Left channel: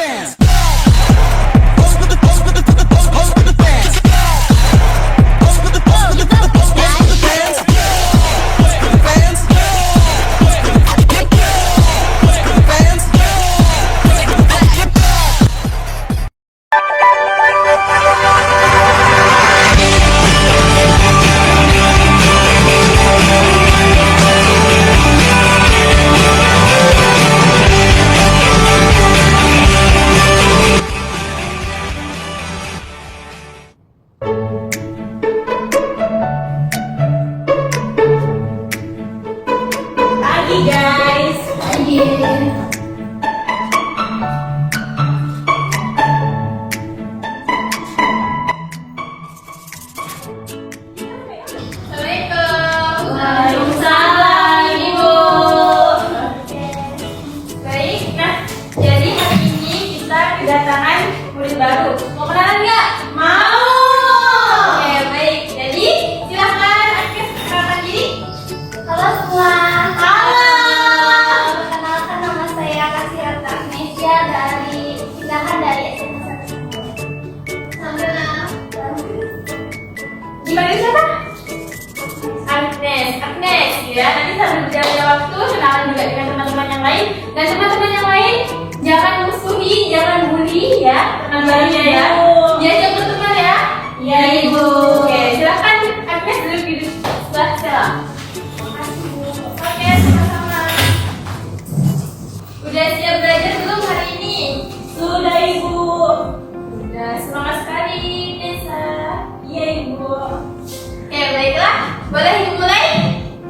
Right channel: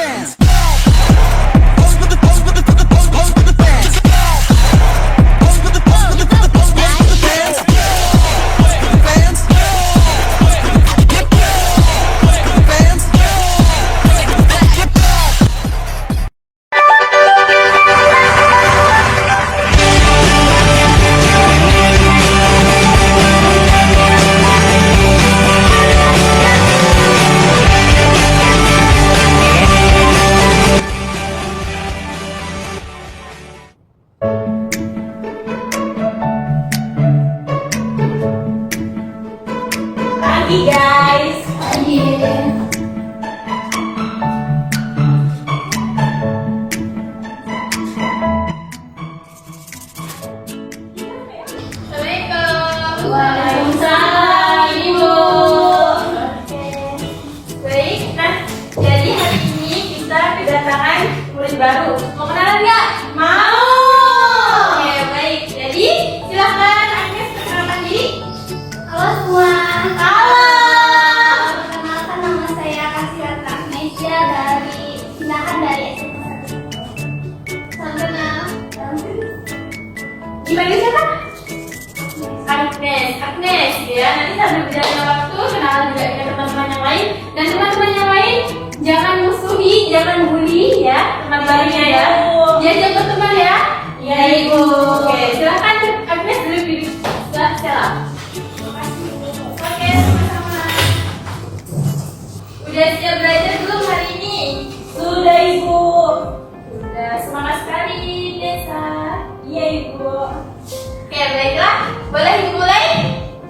fans. Pagi guys. Pagi. Assalamualaikum. Waalaikumsalam, Ibu. Baik, nah jadi hari ini kita kedatangan murid baru. Mau kenalan nggak? Mau. Oke, baik. Jadi silakan Agnes perkenalkan diri. Halo semua. Halo. Perkenalkan nama saya Kasirata Mesia dari Silakan dari SMP 1. Selanjutnya, Dipanggil siapa? Agnes. Agnes ya. Nanti sambil berjalannya waktu kenalan juga dengan teman-teman yang lain. Dan teman-teman yang lain jangan musuhi, jangan bully ya teman barunya ya. Diajak berteman ya. Iya Ibu. Oke, silakan Agnes duduk di sebelah Stella. Oke, sama-sama. Udah siap belajar belum hari ini? Sudah Ibu. Sudah, semangat sekali Desa. Iya Ibu. Oke, baiklah. Boleh dimulai?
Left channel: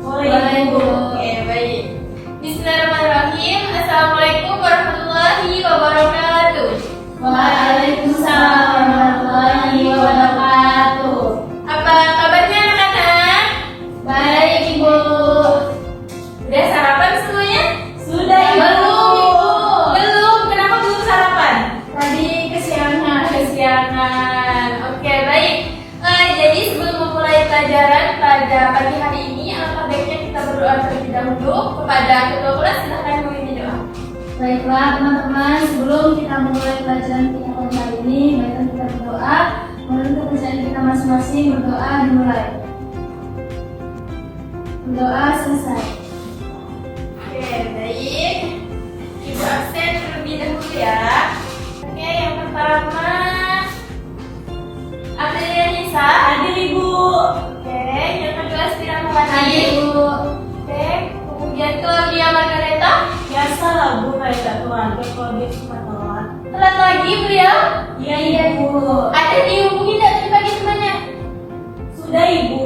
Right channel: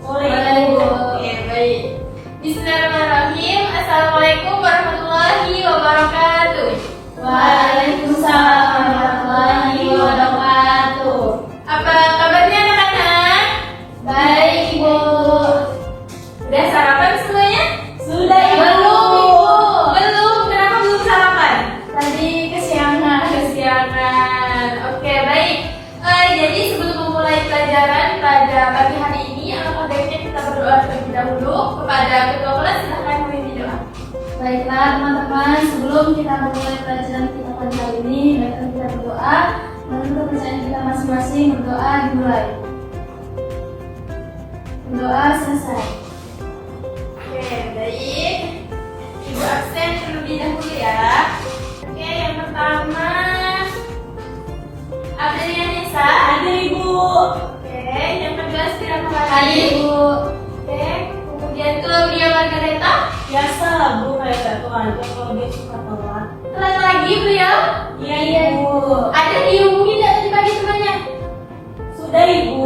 Boleh, Ibu. Oke, baik. Bismillahirrahmanirrahim. Assalamualaikum warahmatullahi wabarakatuh. Waalaikumsalam warahmatullahi wabarakatuh. Apa kabarnya anak-anak? Baik, Ibu. Udah sarapan semuanya? Sudah, Ibu. Belum. Kenapa belum sarapan? Tadi kesiangan. Kesiangan. Oke, baik. Jadi sebelum memulai pelajaran pada pagi hari ini, alangkah baiknya kita berdoa terlebih dahulu kepada ketua kelas. Silahkan memimpin doa. Baiklah teman-teman, sebelum kita memulai pelajaran kita pada hari ini, baiklah kita berdoa. Lalu kepercayaan kita masing-masing, berdoa dimulai. Berdoa selesai. Oke, baik. Ibu absen terlebih dahulu ya. Oke, yang pertama Adelia Nisa. Hadir Ibu. Oke, yang kedua Stira Melani. Hadir, Ibu. Oke, kemudian Claudia Margareta. Biasa lah Bu, kayak gak tuan, terus kalau dia suka telat. Telat lagi beliau. Iya Ibu. Ada dihubungi nggak tadi pagi temannya? Sudah Ibu.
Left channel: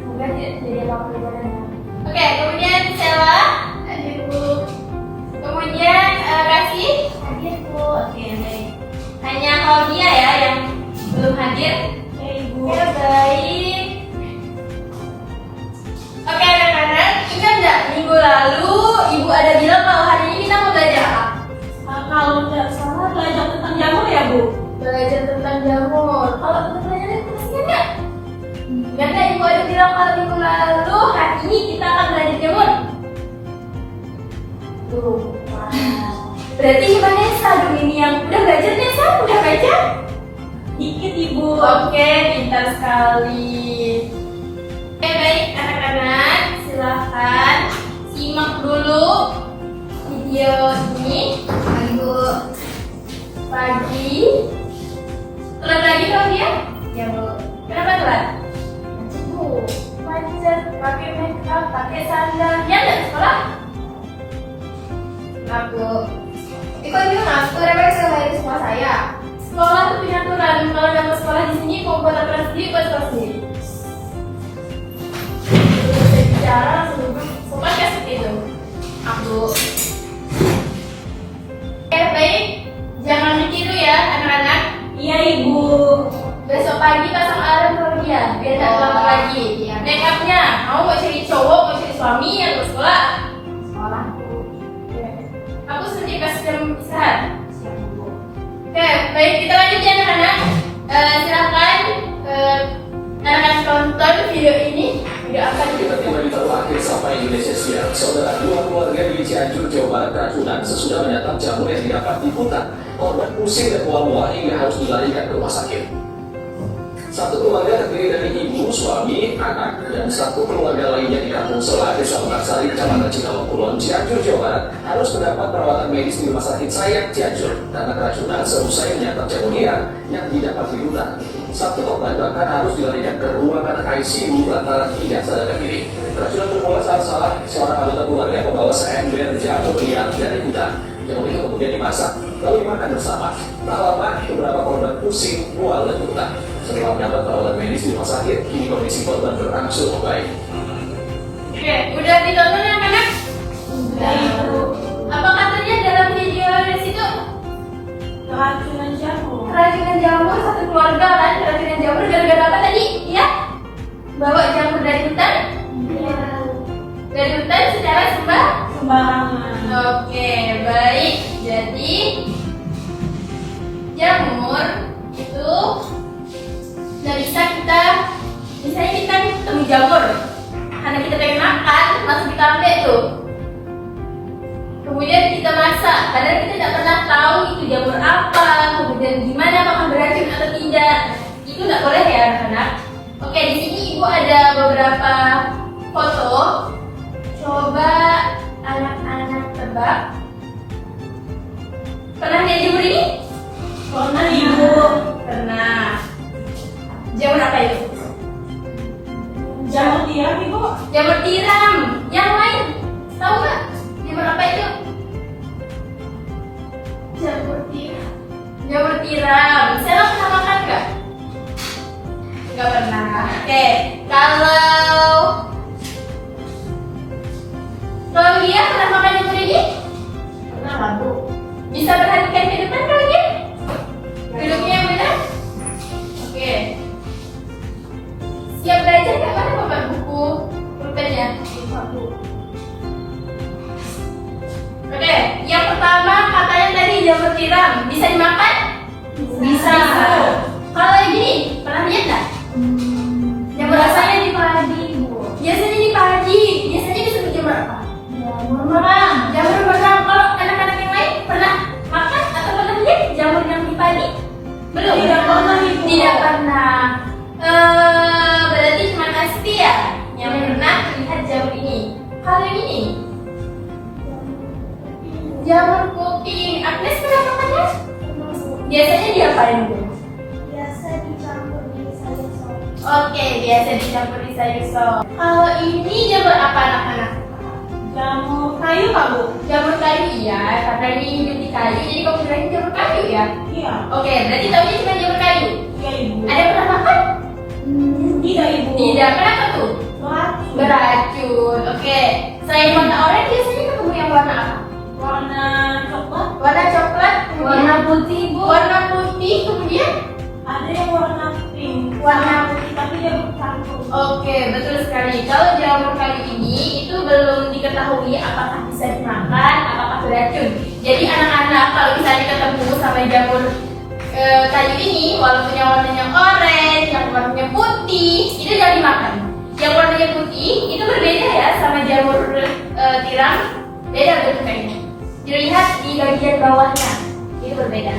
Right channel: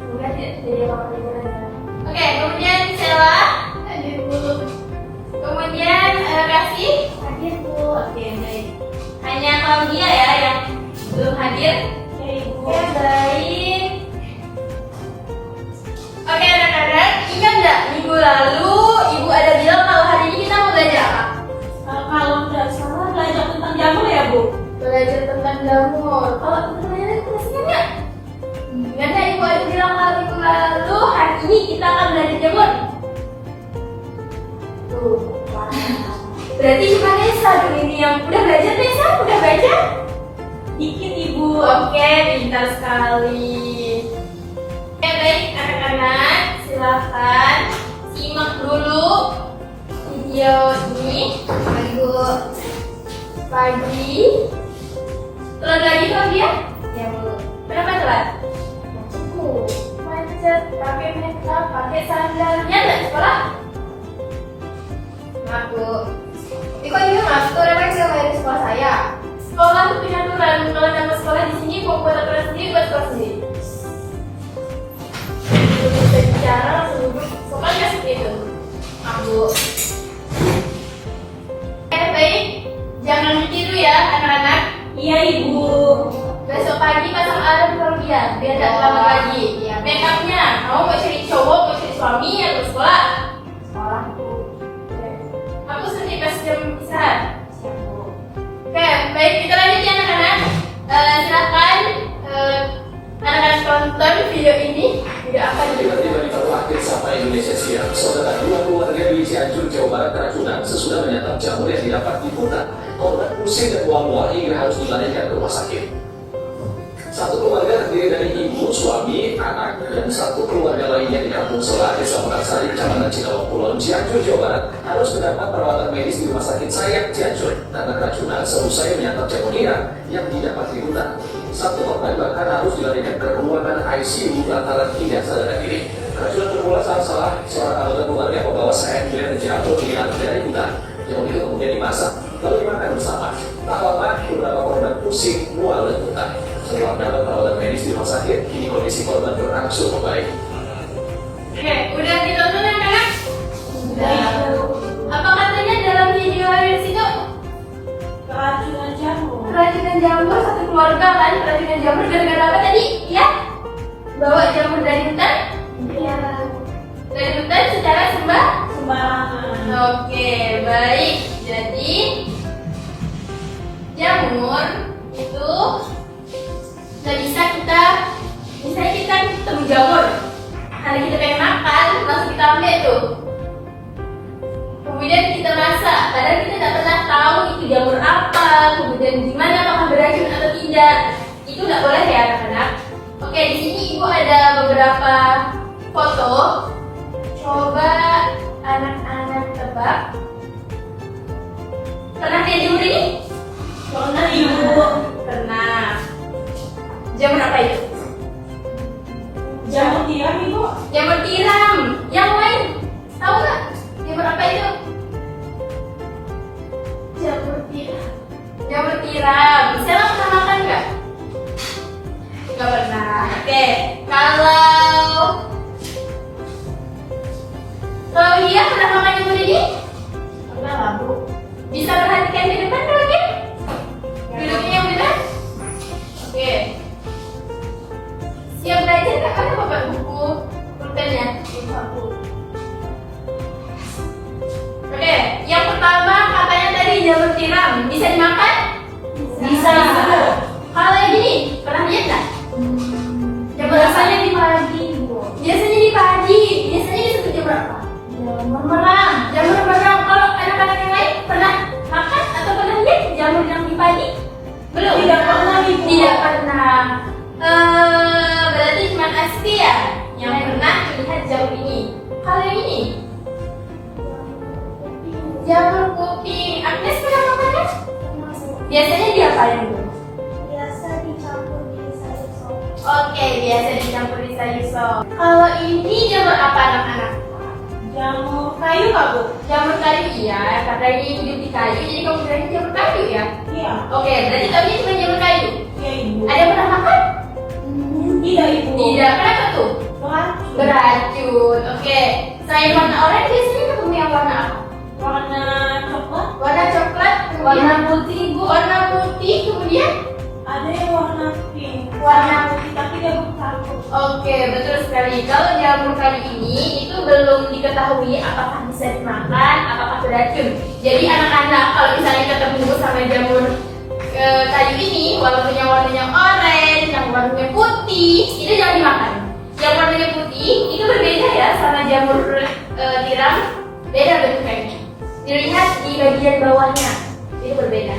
Semoga tidak jadi lawan pelajaran. Oke, kemudian Sela. Hadir Bu. Kemudian Kasih. Hadir, Bu. Oke, baik. Hanya Claudia ya yang belum hadir. Iya Ibu. Oke, baik. Oke, anak-anak, ingat nggak minggu lalu Ibu ada bilang kalau hari ini kita mau belajar apa? Kalau tidak salah belajar tentang jamur ya Bu? Belajar tentang jamur. Kalau teman-teman ada kelasnya nggak? Ingat nggak Ibu ada bilang kalau minggu lalu hari ini kita akan belajar jamur? Tuh, wah. Berarti cuma Nesa dong ini yang udah belajar. Nesa udah baca? Dikit Ibu. Oke, pintar sekali. Oke, baik anak-anak, silakan simak dulu video ini. Pagi Bu. Pagi. Telat lagi dong dia? Ya Bu. Kenapa telat? Macet Bu. Macet, pakai makeup, pakai sandal. Ya nggak sekolah? Maaf Bu. Kok ini mas, itu referensi yang dari sekolah saya. Sekolah tuh punya aturan, kalau dapat sekolah di sini mau buat aturan sendiri, buat sekolah sendiri. Bisa bicara langsung duduk, sopan nggak seperti itu? Aku. Baik, jangan ditiru ya anak-anak. Iya Ibu. Besok pagi pasang alarm kalau dia, biar tidak terlambat lagi. Iya. Make upnya, mau cari cowok, mau cari suami atau sekolah? Sekolah, Bu. Aku sedih kasih jam istirahat. Siap, Bu. Oke, baik kita lanjut ya anak-anak. Silakan anak-anak tonton video ini Video apa nih? Tiba-tiba di tahun akhir sampai Indonesia siang, saudara dua keluarga di Cianjur, Jawa Barat keracunan sesudah menyantap jamur yang didapat di hutan. Korban pusing dan mual-mual hingga harus dilarikan ke rumah sakit. Satu keluarga terdiri dari ibu, suami, anak, dan satu keluarga lainnya di Kampung Sela, Desa Mekarsari, Kecamatan Cinawang Kulon, Cianjur, Jawa Barat, harus mendapat perawatan medis di Rumah Sakit Sayang Cianjur karena keracunan seusai menyantap jamunia yang didapat di hutan. Satu korban bahkan harus dilarikan ke ruangan ICU lantaran tidak sadarkan diri. Keracunan bermula saat salah seorang anggota keluarga membawa seember jamur liar dari hutan. Jamur itu kemudian dimasak lalu dimakan bersama. Tak lama beberapa korban pusing, mual, dan muntah. Setelah mendapat perawatan medis di rumah sakit, kini kondisi korban berangsur membaik. Oke, udah ditonton anak-anak? Udah. Apa katanya dalam video Reels itu? Keracunan jamur. Keracunan jamur satu keluarga kan? Keracunan jamur gara-gara apa tadi? Ya? Bawa jamur dari hutan? Iya. Dari hutan secara Sembarangan. Oke, baik. Jadi jamur itu nggak bisa kita, misalnya kita ketemu jamur, karena kita pengen makan, langsung kita ambil tuh. Kemudian kita masak, padahal kita tidak pernah tahu itu jamur apa, kemudian gimana apakah beracun atau tidak. Itu nggak boleh ya anak-anak. Oke, di sini ibu ada beberapa foto. Coba anak-anak tebak. Pernah lihat jamur ini? Pernah ibu. Pernah. Jamur apa itu? Jamur tiram ibu. Jamur tiram. Yang lain? Tahu nggak? Jamur apa itu? Jamur tiram. Jamur tiram. Saya pernah makan nggak? Nggak pernah. Oke. Kalau dia pernah makan jamur ini? Pernah bu. Bisa perhatikan ke depan kalau dia? Duduknya yang benar? Oke. Siap belajar nggak? Mana bapak buku pulpennya? Oke, yang pertama katanya tadi jamur tiram. Bisa dimakan? Bisa. Kalau yang gini, pernah lihat nggak? Jamur apa? Biasanya di pagi, Bu. Biasanya di pagi. Biasanya disebut jamur apa? Jamur merah. Jamur merang. Kalau anak-anak yang lain pernah makan atau pernah lihat jamur yang di pagi? Belum? Tidak pernah, Ibu. Tidak pernah. Berarti cuma Asti ya yang pernah melihat jamur ini. Kalau yang ini? Jamur kuping. Agnes pernah makan kan? Biasanya diapain Bu? Biasa dicampur di sayur sop. Oke, biasa dicampur di sayur sop. Kalau ini jamur apa anak-anak? Jamur kayu Kak Bu. Jamur kayu iya, karena ini hidup di kayu, jadi kamu bilang jamur kayu ya? Iya. Oke, berarti taunya cuma jamur kayu. Iya ibu. Ada yang pernah makan? Tidak ibu. Tidak, kenapa tuh? Beracun. Beracun. Oke, selain warna oranye biasanya ketemu yang warna apa? Warna coklat. Warna coklat, kemudian Warna putih, Bu. warna putih, kemudian Ada yang warna pink. warna putih. Tapi dia bercampur. Oke, betul sekali. Kalau jamur kayu ini itu belum diketahui apakah bisa dimakan, apakah beracun. Jadi anak-anak kalau misalnya ketemu sama jamur kayu ini, walaupun yang warnanya orange, yang warnanya putih, itu jangan dimakan. Yang warnanya putih itu berbeda ya sama jamur tiram, beda bentuknya. Dilihat di bagian bawahnya, itu berbeda.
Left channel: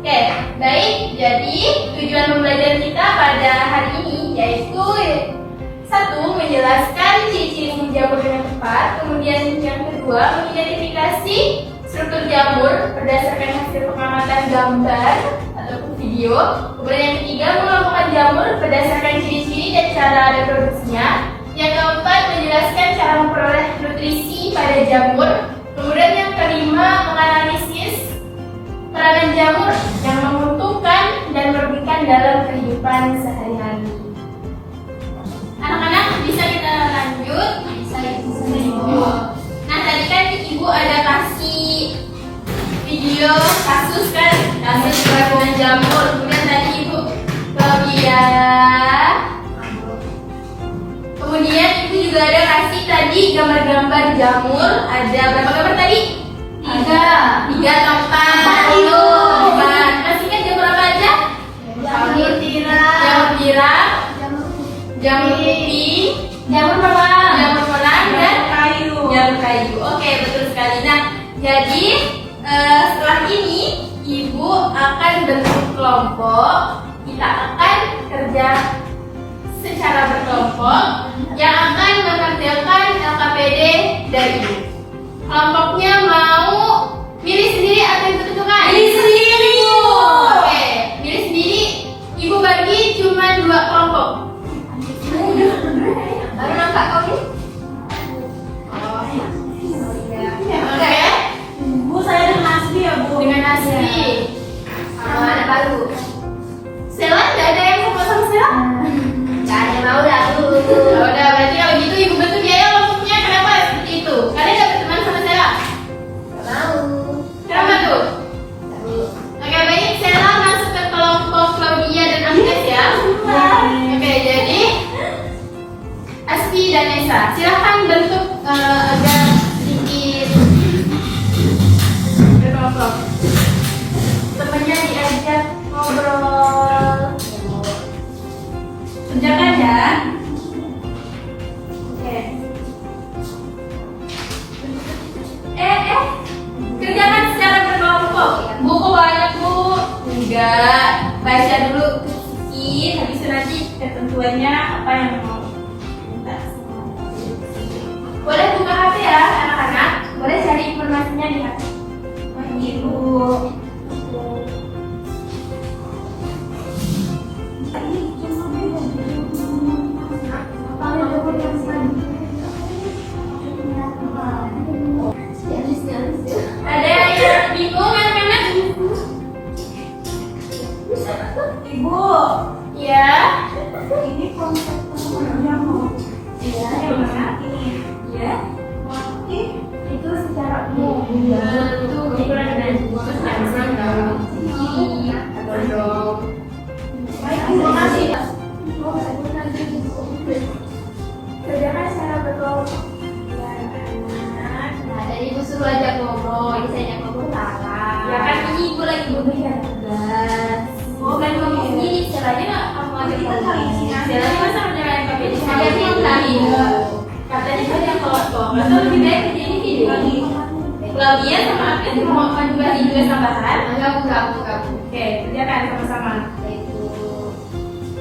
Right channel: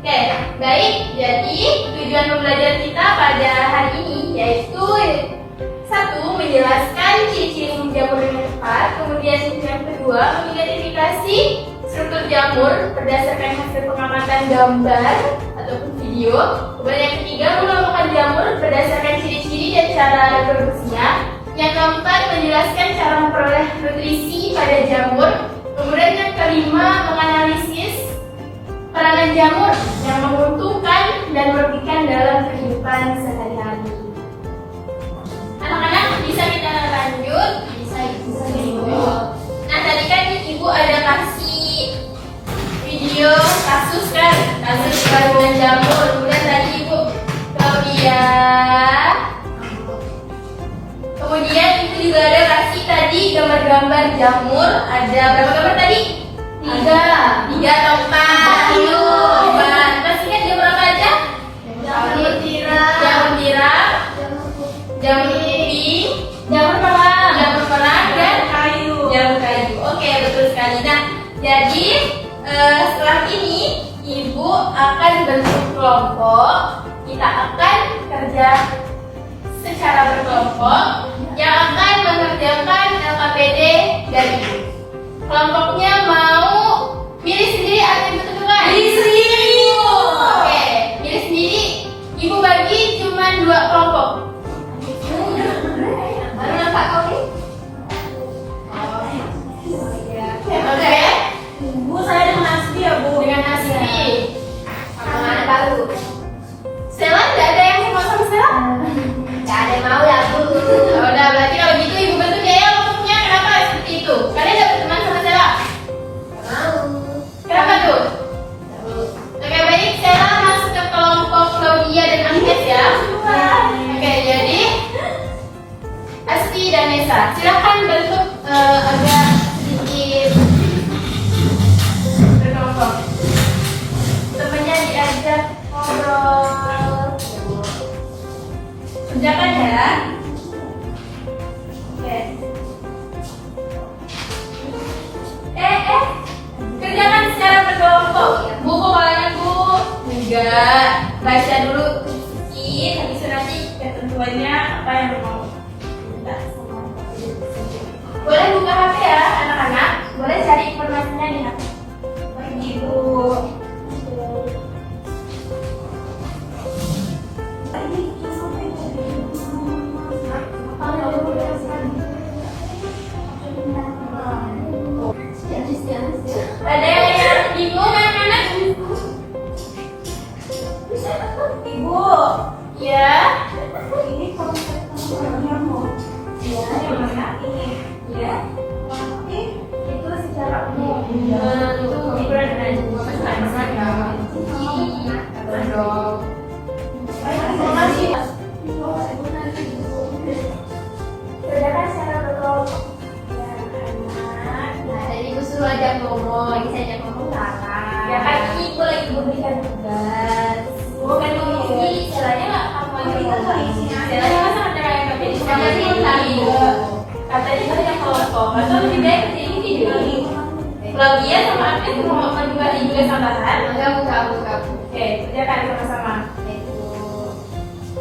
Oke, baik. Jadi tujuan pembelajaran kita pada hari ini yaitu satu, menjelaskan ciri-ciri jamur dengan tepat. Kemudian yang kedua, mengidentifikasi struktur jamur berdasarkan hasil pengamatan gambar ataupun video. Kemudian yang ketiga, mengelompokkan jamur berdasarkan ciri-ciri dan cara reproduksinya. Yang keempat, menjelaskan cara memperoleh nutrisi pada jamur. Kemudian yang kelima, menganalisis peranan jamur yang menguntungkan dan merugikan dalam kehidupan sehari-hari. Anak-anak bisa kita lanjut? Bisa. Nah tadi kan ibu ada kasih video kasus kan, kasus keracunan jamur. Kemudian tadi ibu kemudian ibu juga ada kasih tadi gambar-gambar jamur. Ada berapa gambar tadi? Tiga atau empat? Terus ingat jamur apa aja? Jamur tiram. Jamur tiram, Jamur putih. jamur putih, Jamur Jadi setelah ini Ibu akan bentuk kelompok. Kita akan kerja secara berkelompok yang akan mengerjakan LKPD dari Ibu. Kelompoknya mau milih sendiri atau Ibu tentukan? Milih sendiri. Oke, milih sendiri. Ibu bagi cuma 2 kelompok. Baru nampak kopi? Oke. Bu, saya dengan nasi ya, Bu. Dengan nasi. Sama baru. Stella, tidak ada yang mau sama Stella? Tidak ada yang mau ya, Bu. Udah, berarti kalau gitu Ibu bentuk ya kelompoknya. Kenapa seperti itu? Kalian dapat teman sama Stella? Tidak mau. Kenapa tuh? Oke, baik. Stella masuk ke kelompok Claudia dan Agnes ya. Oke, jadi Asti dan Nesa, silahkan bentuk agak sedikit berkelompok. Temannya diajak ngobrol. Kerjakan ya. Oke. Kerjakan secara berkelompok. Bu, kok banyak Bu? Enggak. Baca dulu sedikit, habis itu nanti ketentuannya apa yang mau minta. Boleh buka HP ya anak-anak. Boleh cari informasinya di HP. Ibu. Ada yang bingung anak-anak? Ibu, Ya. ini konsep kamu. Ya. Ini. Ya. Itu secara umum. Itu hiburan dengan masakan atau dong. Terima kasih. Kerjakan secara berkelompok. Nah, dari Ibu suruh aja ngomong, saya ngomong salah. Ya kan ini Ibu lagi memberikan tugas. Bukan ngomong sendiri, caranya kamu aja ngomong. Caranya masa kerja kayak kami, ada yang tahu. Katanya saya yang kelompok, atau lebih baik kerja ini video. Kalau dia sama aku sih mau menjual juga tambahan. Kamu. Oke, kerjakan sama-sama.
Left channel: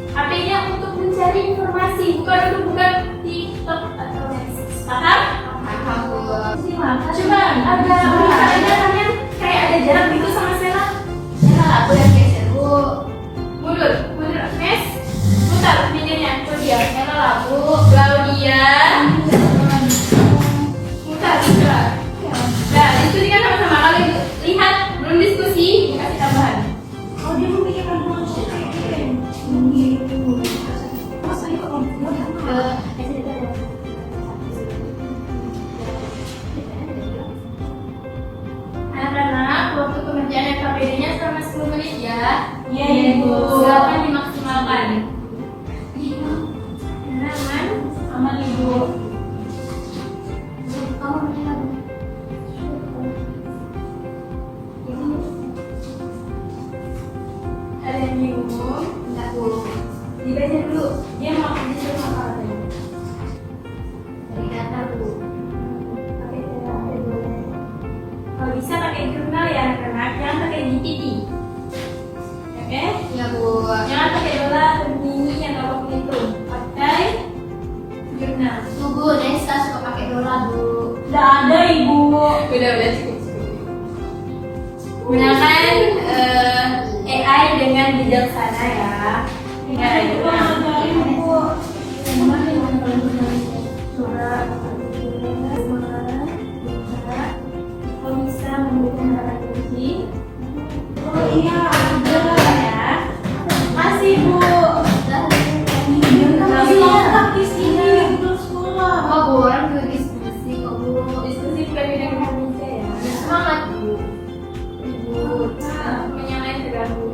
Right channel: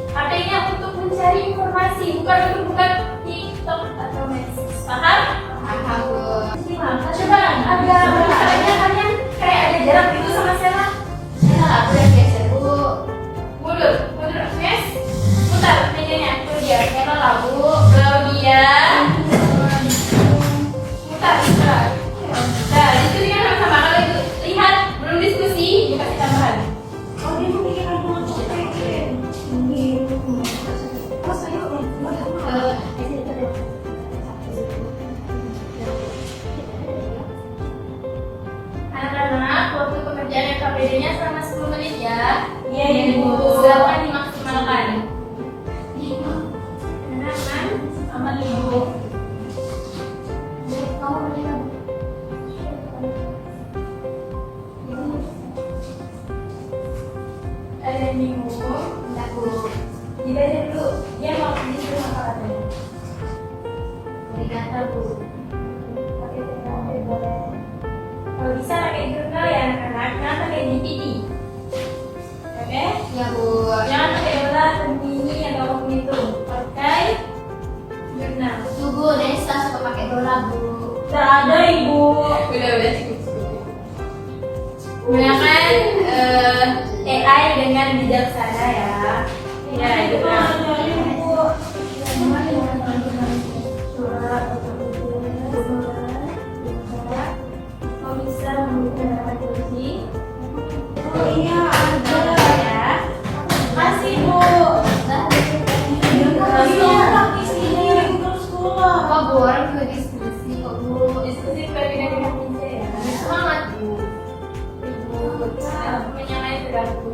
HP-nya untuk mencari informasi, bukan untuk buka TikTok atau Netflix. Paham? Coba ada misalnya kalian kayak ada jarak gitu sama Stella. Aku dan geser Bu. Mundur, Nes. Putar pinggirnya, itu dia. Stella lah Bu. Claudia. Putar. Nah, itu kan sama-sama. Kalau lihat belum diskusi, dikasih tambahan. Oh, dia memikirkan dua Anak-anak, waktu pengerjaan LKPD-nya selama 10 menit ya. Iya, Ibu. Silakan dimaksimalkan. Aman? Sama Ibu. Ada yang bingung? Enggak Bu. Dibaca dulu. Dia mau disuruh apa? Dari kata Bu. Pakai template boleh. Kalau bisa pakai jurnal ya anak-anak, jangan pakai DTT. Oke? Ya Bu. Jangan pakai dolar atau mini atau apapun itu. Pakai jurnal. Bu, Nesa suka pakai dolar Bu. Udah ada, Ibu. Udah cukup. Gunakan AI dengan bijaksana ya. Ya itu Udah mah. ada, Ibu. Kau bisa memberikan data kunci. Oh, iya, ada. Ya. Masih, Bu. Masih lengkap di sini, untuk sekolah. Oh Bu, orang juga diskusi kok Bu. Diskusi pribadi dengan kunci. Semangat Bu. Yang lain terganggu.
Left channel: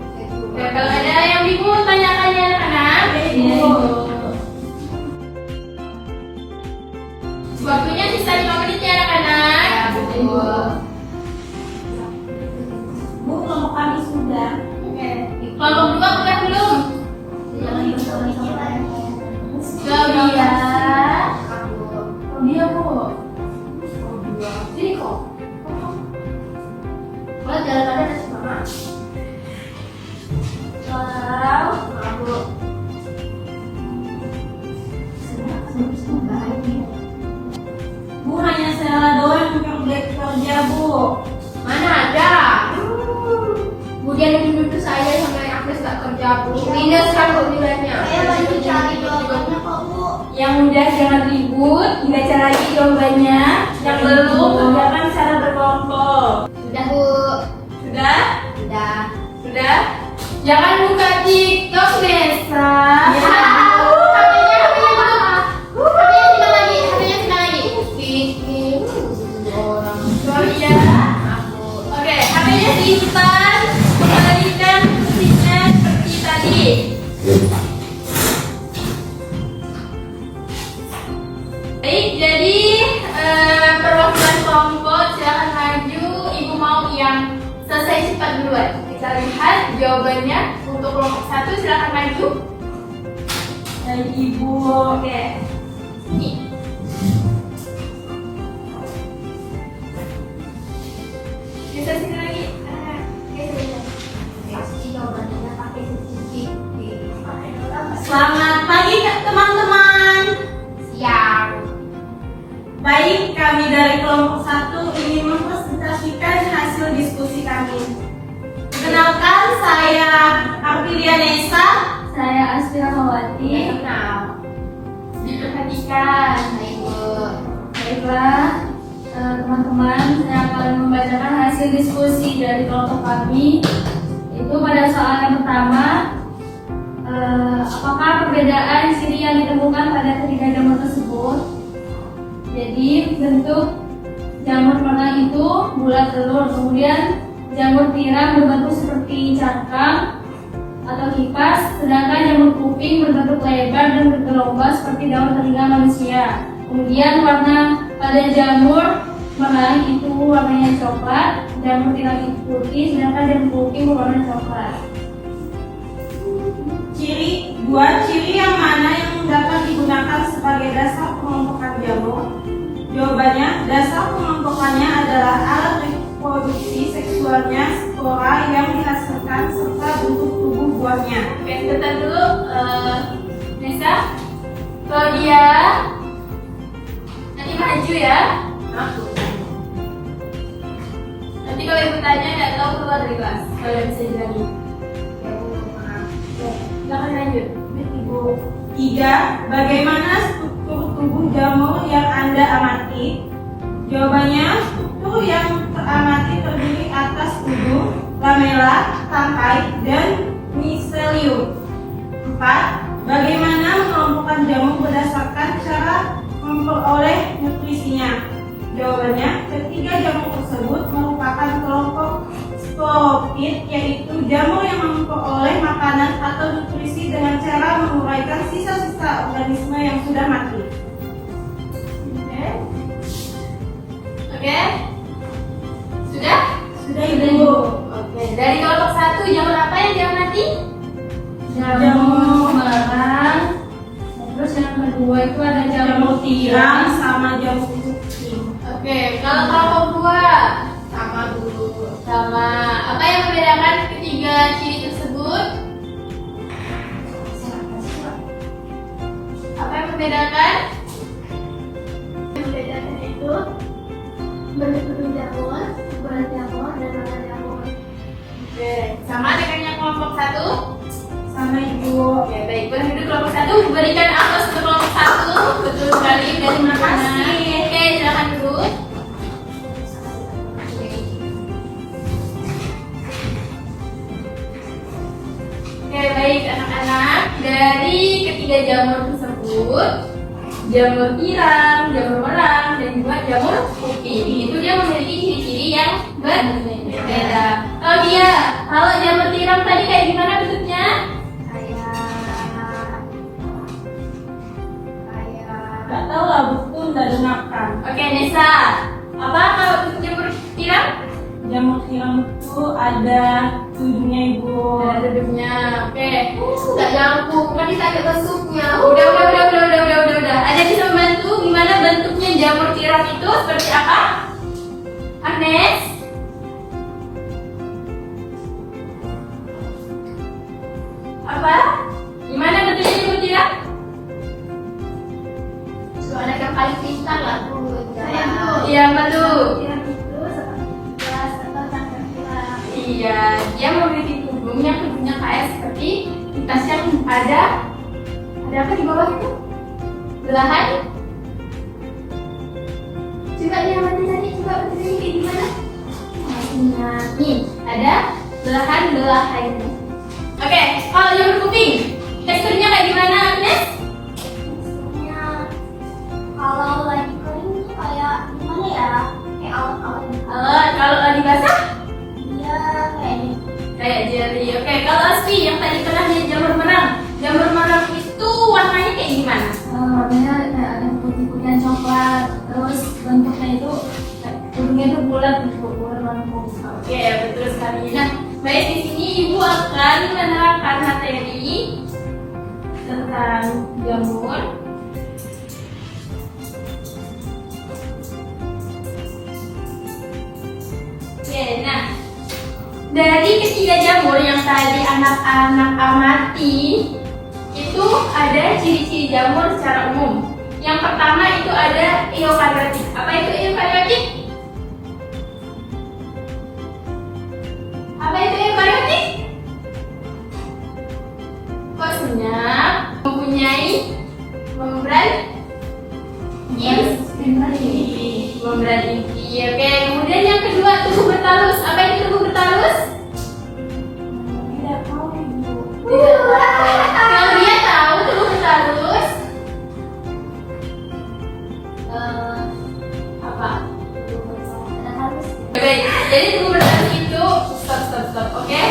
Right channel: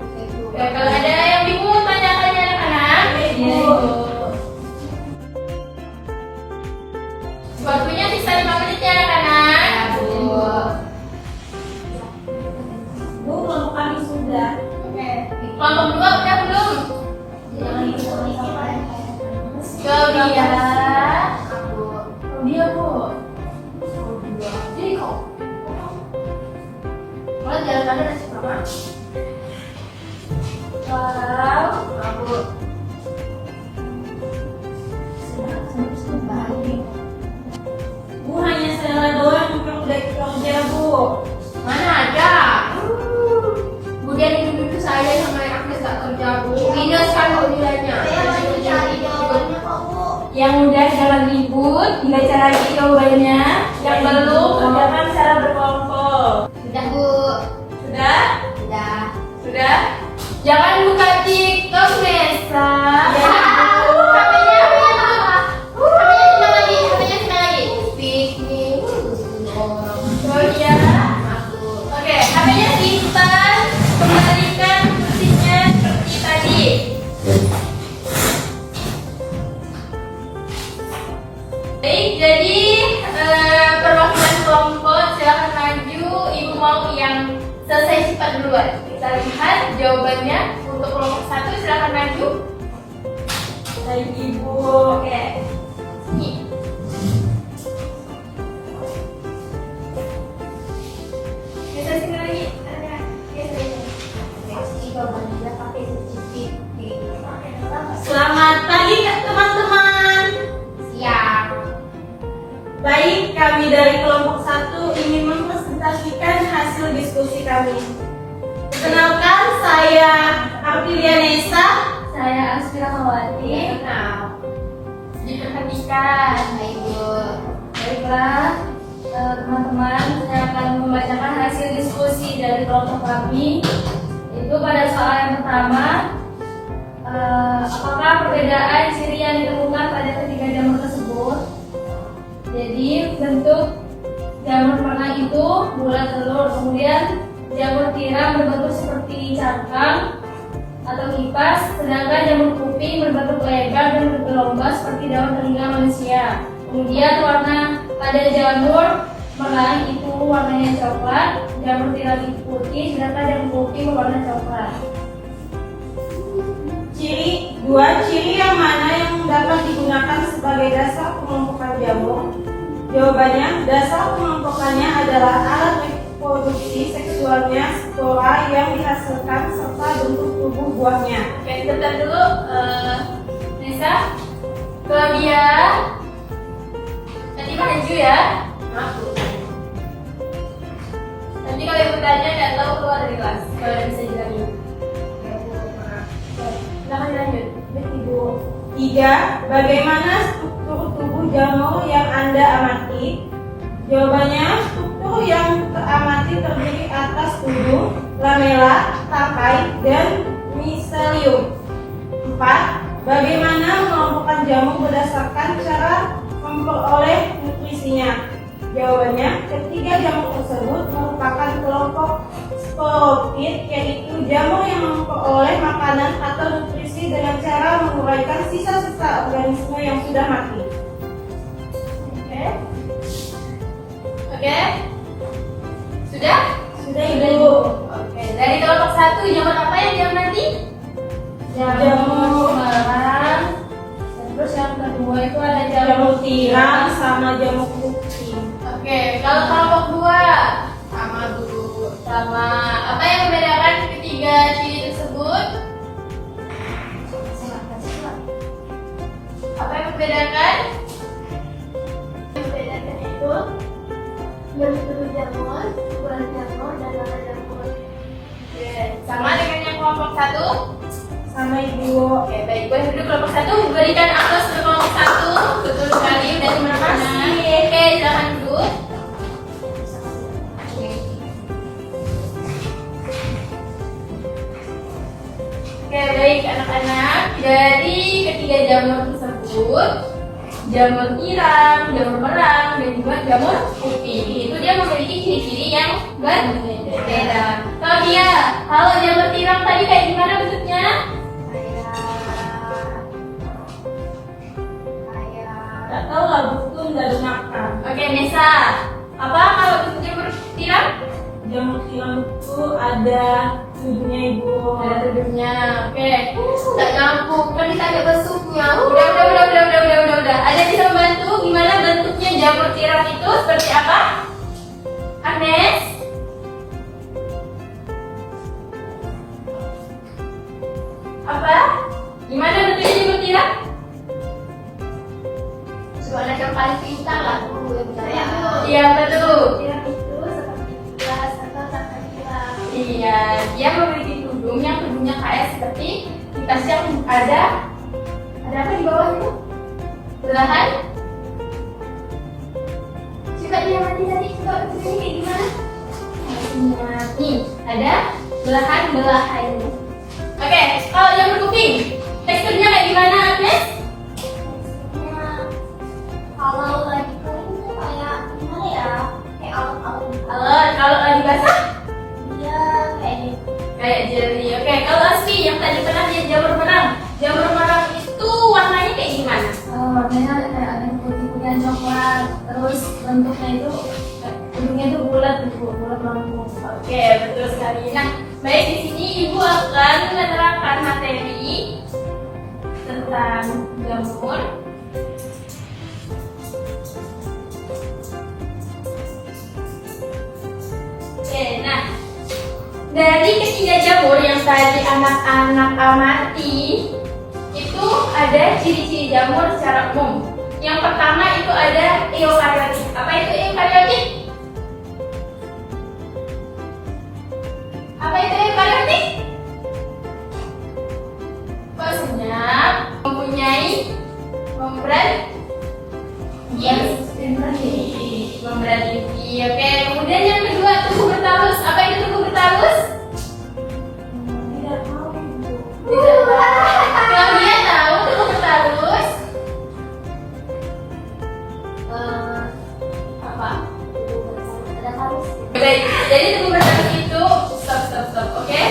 Nah, kalau ada yang bingung tanyakan ya anak-anak. Ibu. Waktunya sisa 5 menit ya anak-anak. Bu, kelompok kami sudah. Oke. Kelompok 2 udah belum? Coba jalan pada nasi mama. Wow, abu. Bu, hanya Stella doang yang udah kerja, Bu. Mana ada? Kemudian yang dulu saya sama yang Agnes gak kerja, Bu. Minus kan Bu nilainya. Saya lagi cari jawabannya kok, Bu. Yang udah jangan ribut, dibaca lagi jawabannya. Yang belum kerjakan secara berkelompok. Udah Bu. Sudah? Udah. Sudah? Jangan buka TikTok, Nesa. Ya. HP-nya sidang lagi. Oh iya. Oke, HP-nya simpan. Kembalikan posisinya seperti tadi. Baik, jadi perwakilan kelompok silakan maju. Ibu mau yang selesai cepat duluan. Kita lihat jawabannya untuk kelompok 1, silakan maju. Baik, Ibu. Oke. Ini. Bisa sini lagi. Selamat pagi teman-teman. Siap. Baik, kami dari kelompok 1 ingin mempresentasikan hasil diskusi kami. Perkenalkan, saya Artilia Nesa. Saya Aspira Hawati. Kenal. Diperhatikan. Baiklah, teman-teman, saya akan membacakan hasil diskusi dari kelompok kami. Itu pada soal yang pertama, apakah perbedaan ciri yang ditemukan pada ketiga jamur tersebut? Jadi bentuk jamur merah itu bulat telur, kemudian jamur tiram berbentuk seperti cangkang atau kipas, sedangkan jamur kuping berbentuk lebar dan bergelombang seperti daun telinga manusia. Kemudian warna pada jamur merah itu warnanya coklat, jamur tiram itu putih, sedangkan jamur kuping berwarna coklat. Ciri yang mana yang dapat digunakan sebagai dasar pengelompokan jamur? Jawabannya, dasar pengelompokannya adalah alat reproduksi seksualnya spora yang dihasilkan serta bentuk tubuh buahnya. Oke, sebentar dulu, Nesa. Claudia, nanti maju ya. Nanti kalau ibu tanya nggak tahu keluar dari kelas. Kalau bisa jelasin. Silakan lanjut. Ibu. 3. Bagaimana struktur tubuh jamur yang Anda amati? Jawabannya, struktur yang teramati terdiri atas tubuh, lamela, tangkai, dan miselium. 4. Bagaimana mengelompokkan jamur berdasarkan cara memperoleh nutrisinya? Jawabannya, ketiga jamur tersebut merupakan kelompok sporopit, yaitu jamur yang memperoleh makanan atau nutrisi dengan cara menguraikan sisa-sisa organisme yang sudah mati. Oke. Sudah? Sudah, Ibu. Oke. Dari kelompok 1, jamur apa yang diamati? Jamur merah. Terus yang kedua itu ada Jamur tiram sama jamur kuping. Oke. Kalau kelompok 2, sama dulu. Sama. Apa yang membedakan ketiga ciri tersebut? Apa yang membedakan? membedakan itu bentuk jamur, ukuran jamur, dan warna jamur. Oke. Sama dengan yang kelompok 1? Sama, Ibu. Oke, baik. Boleh duduk kelompok 1. Berikan aplaus untuk kelompok 1. Betul sekali. Dari mana? Oke, silakan duduk. Oke, baik anak-anak. Dari ketiga jamur tersebut, jamur tiram, jamur merang, dan juga jamur kuping, itu dia memiliki ciri-ciri yang berbeda. Kalau jamur tiram tadi kayak gimana bentuknya? Gak tahu lah, betul udah makan. Oke, Nesa. Apa kalau untuk jamur tiram? Jamur tiram itu ada tujuhnya, Ibu. Ada duduknya. Oke. Nggak nyambung. Kan bisa agak besuknya. Udah. Ada bisa membantu gimana bentuknya jamur tiram itu seperti apa? Agnes? Kemudian dia memiliki tudung yang tudungnya kayak seperti di tasnya ada apa di bawah itu? Belahan. Coba diamati tadi, coba betulin kayak gimana? Nih, ada belahan-belahannya. Oke, kalau jamur kuping, teksturnya kayak gimana, Agnes? Kalau lagi kering itu kayak gimana ya? Kayak awet-awet. Kalau lagi basah? Iya, kayak gitu. Kayak jelly. Oke, kalau Asfi yang tadi pernah lihat jamur merang itu warnanya kayak gimana? Warnanya kayak ada putih-putihan coklat. Terus bentuknya itu ujungnya itu bulat lengkung. Oke, betul sekali. Nah, baik di sini Ibu akan menerangkan materi tentang jamur. Oke, nah dari ketiga jamur yang tadi anak-anak amati itu ada ciri-ciri jamur secara umum. Yang pertama itu ada eukaryotik. Apa itu eukaryotik? Apa itu eukaryotik? Kok senyap? Mempunyai membran inti. Membran inti. Oke, kemudian yang kedua tubuh bertalus. Apa itu tubuh bertalus? Tidak tahu ibu. Tidak tahu. Kalau dia tahu tubuh bertalus apa? Ada halus. Baik, jadi tubuh bertalus itu stop. Oke.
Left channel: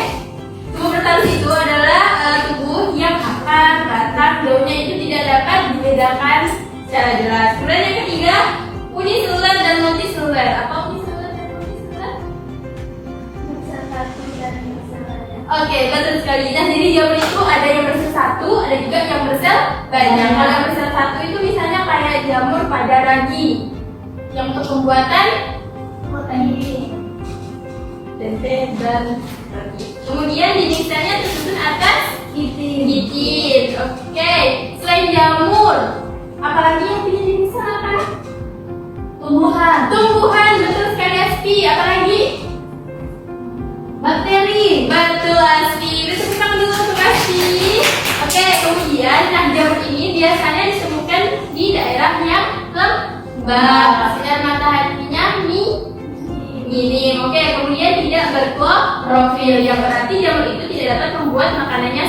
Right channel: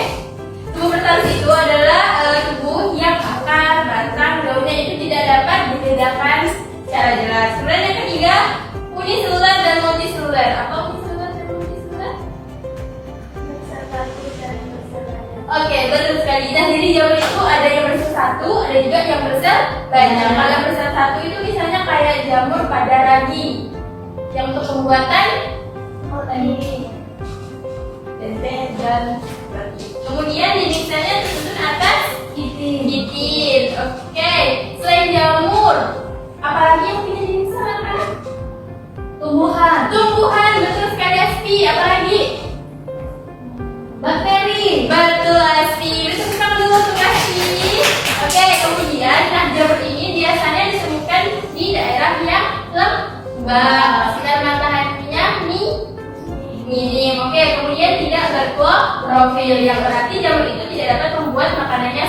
Tubuh bertalus itu adalah tubuh yang akar, batang, daunnya itu tidak dapat dibedakan secara jelas. Kemudian yang ketiga, uniseluler dan multiseluler. Apa uniseluler dan multiseluler? Oke, betul sekali. Nah, jadi jamur itu ada yang bersel satu, ada juga yang bersel banyak. Kalau yang bersel satu itu misalnya kayak jamur pada ragi, yang untuk pembuatan tempe dan ragi. Kemudian jenisnya disusun atas gitin. Oke, selain jamur, apalagi yang punya jenis apa? Tumbuhan, betul sekali Aspi. Apalagi? Bakteri, betul Aspi. Bisa kita dulu untuk Aspi. Oke, kemudian nah jamur ini biasanya ditemukan di daerah yang lembab, sinar mataharinya minim. Oke, kemudian tidak berklorofil, yang berarti jamur itu tidak dapat membuat makanannya